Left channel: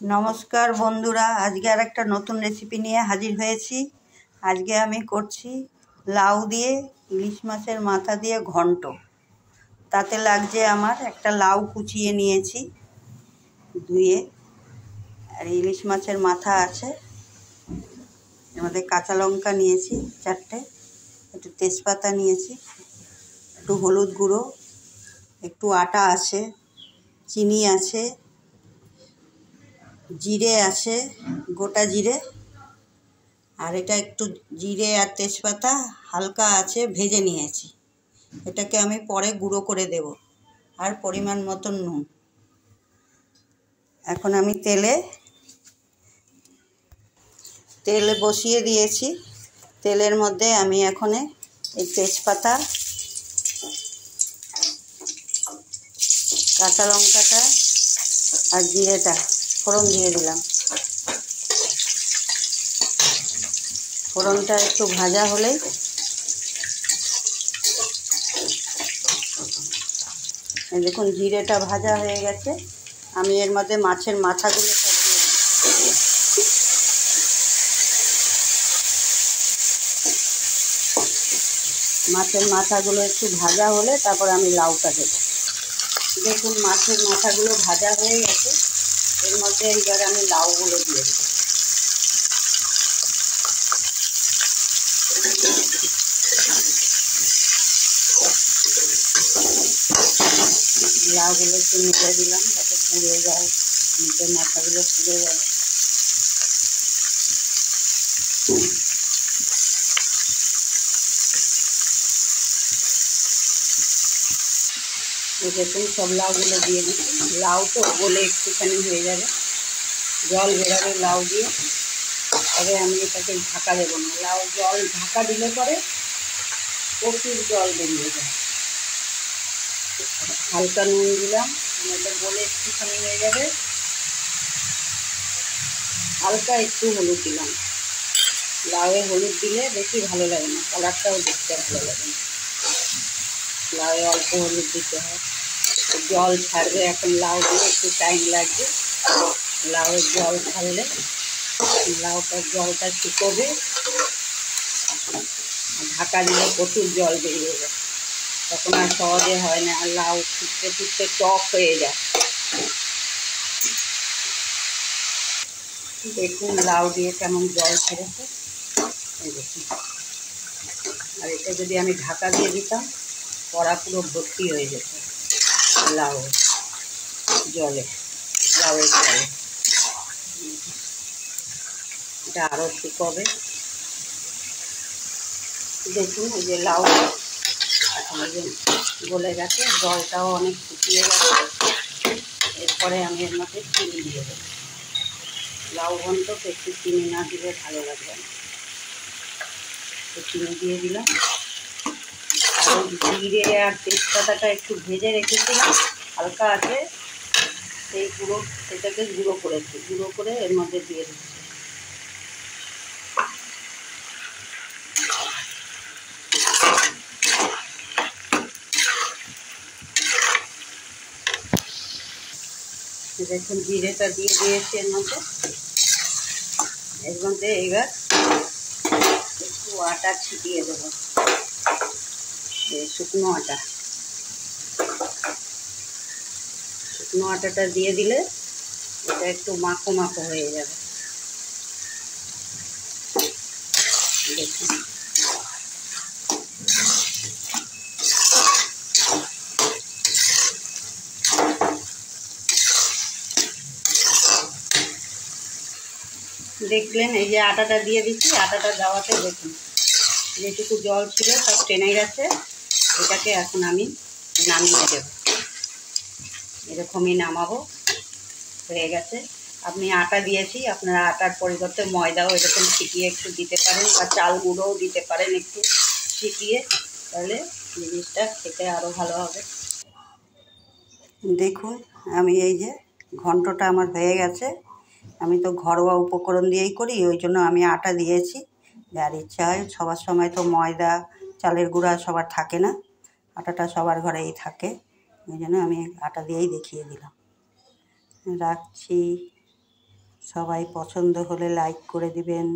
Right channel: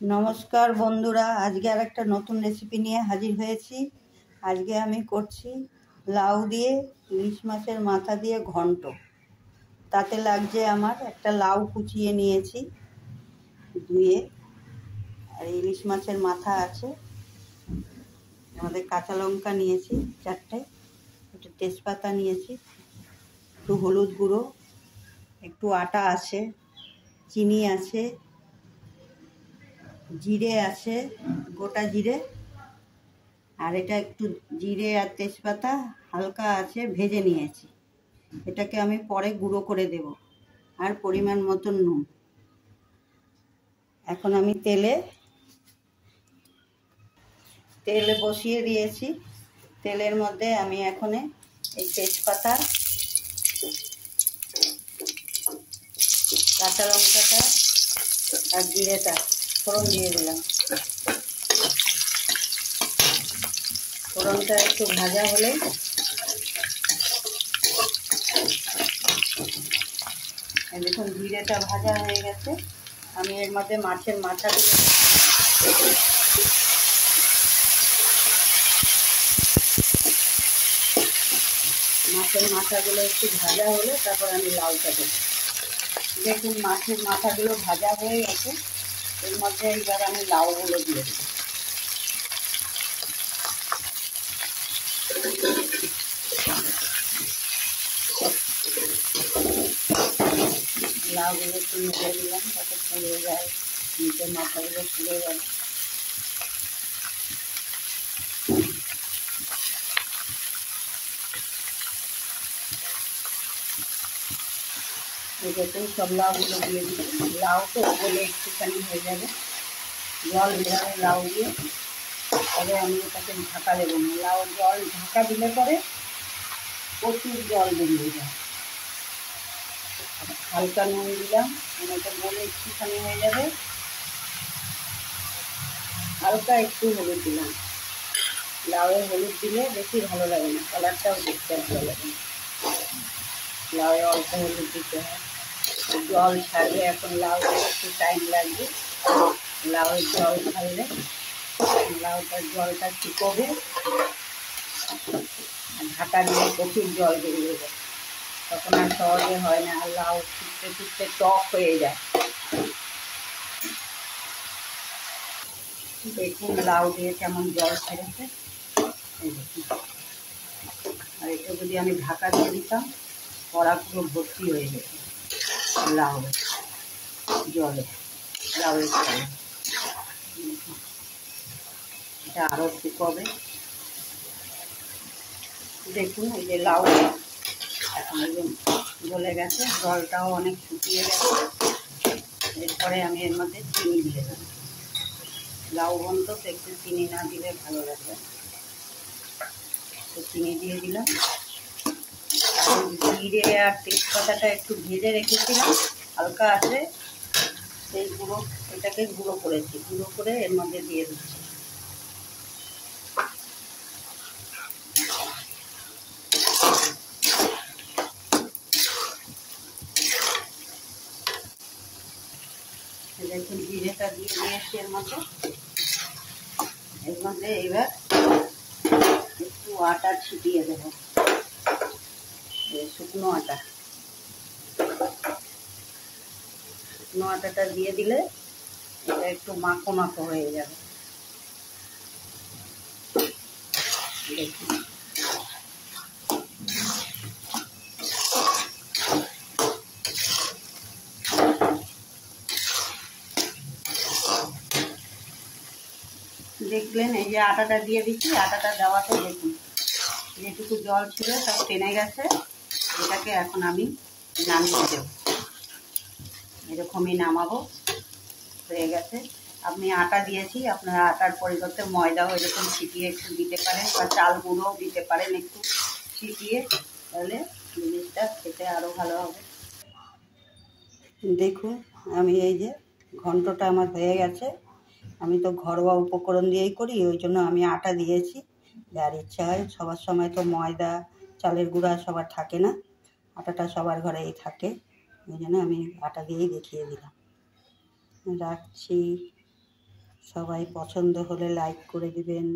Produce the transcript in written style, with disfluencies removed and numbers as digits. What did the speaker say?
নমস্কার বন্ধুরা, আজকে আর একটা নতুন রেসিপি নিয়ে হাজির হয়েছি। আজকে আমি করছি লাউ দিয়ে ইলিশ মাছের মাথা দিয়ে ঘন্ট। তাতে লাগছে আমার একটা লাউ কুচিয়ে নিয়েছি ধুয়ে, আর ইলিশ মাছের মাথা আছে, আমাদের কাঁচা লঙ্কা নিয়েছি 4টে, একটু তেজপাতা নিয়েছি, একটু হলুদ গুঁড়ো, একটু আটা আছে, চিনি আছে, জিরে আছে, গোটা জিরে, আর এটা একটু জিরে আর তেজপাতা হালকা আছে ভেজে নিয়েছি। এটাকে আমি পরে গুঁড়ো করে দেব। আর পরিমাণ মতন নুন। এখন আমি তেলে বসিয়ে দিয়েছি। তেলের মধ্যে আমি এখন এই তেজপাতা, কাঁচা লঙ্কাটা আর জিরেটা ফোড়ন দিয়ে দিলাম। ফোড়নটা একটু ভাজা হলেই দেখুন জিরেটা ভাজা হয়ে গেছে। আমি এর মধ্যে মাছের মাথাগুলো একটু ভাজা হলে তারপর আমি লাউটা দেবো। দেখুন মাছের মাথাগুলো ভাজা হয়ে গেছে। এর মধ্যে এইবার আমি লাউগুলো দিয়ে দেবো। লাউগুলো একটু নেড়ে দিলাম যাতে পুড়ে যায়, নিচের মাথাগুলো পুড়ে যাবে। দেখুন সব লাউগুলো দিয়ে দিচ্ছি। লাউ তো গলে একটুখানি হয়ে যাবে, জল বেরাবে লাউ দিয়ে, তবে আমি এটাকে ঢাকা দেবো না। লাউ জল ঢাকা দিলে পরে প্রচুর জল বেরিয়ে যায়। হালকা নুন দিলাম, এটা গলে একটুখানি হয়ে যাবে। হালকা একটু হলুদ দিলাম। লাউয়ে হলুদ দিলে বেশি ভালো লাগে না, কালারটাও দেখতে ভালো লাগে না। লাউয়ে অল্প হলুদ দিতে হয়। জল ছাড়বে এখন, লাউ দিয়ে একটু টাইম লাগবে। লাউয়ের জল ছাড়লে লাউটার জলটা শুকোবে, ঢাকা দিলে প্রচুর জল বেরিয়ে যায়, তখন আর সহজে হয় না, আর লাউ ফুটতে ফুটতে টক হয়ে যায়। দেখুন লাউ দিয়ে কেমন জল ছেড়েছে, এই দেখুন। আর এটা যদি আমি ঢাকা দিয়ে দিতাম, কড়া পুরো ভর্তি হয়ে যেত লাউয়ের জলে। এটা আরও শুকোবে। দেখুন এই যে লাউ এখন গলে গেছে, জলটাও অনেক শুকিয়ে গেছে। এরপরে আমি এর মধ্যে চিনি দিয়ে দেবো। লাউ ঘন্ট তো একটু চিনি না দিলে ভালো লাগবে না, তো চিনি দিয়ে দিলাম। আর জিরে আর তেজপাতাটা একটু ভেজে রেখেছিলাম হালকা আছে, সেটাকে গুঁড়ো করেছি, গুঁড়ো করে এর মধ্যে দিয়ে দিচ্ছি। দেখুন জিরেটা দিয়ে দিয়েছি এর মধ্যে এবার একটু আটা ছিটিয়ে দেবো, শুকনো আটাটা দিয়ে দিলে এটা একটু মাখো মাখো হয়ে যাবে। দেখুন দেখলেন, এই যে আটাটা দিয়ে দিচ্ছি, আটাটা দেওয়াতে দেখুন যেটুকু জল ছিল সব টেনে গেছে। এটাকে এখন আমি নামিয়ে দেব, এরকমই নামাবো। হয়ে গেছে। আপনি আটা দিয়েছি, আপনারা আটার পরিবর্তে ময়দাও এরকম ছিটিয়ে একটু দিতে পারেন, বা চাল গুঁড়োও দিতে পারেন একটু ছিটিয়ে, তাহলে জিনিসটা খেতে আরও ভালো হবে। দেখুন আমি এই যে ঘন্টটা আমার হয়ে গেছে। আমি তো ঘরোয়া উপকরণ দিয়েই করি, ওই জন্য আমি আটা দিয়েছি। যার ইচ্ছা হয়, সবার সময় তো ময়দা চালের গুঁড়া সবার থাকে না, আটাটা সবার ঘরেই থাকে, ওই জন্য আমি আটা দিয়েই দেখিয়ে দিলাম। রাখছি। সবাই পছন্দ হলে লাইক করে দিবেন।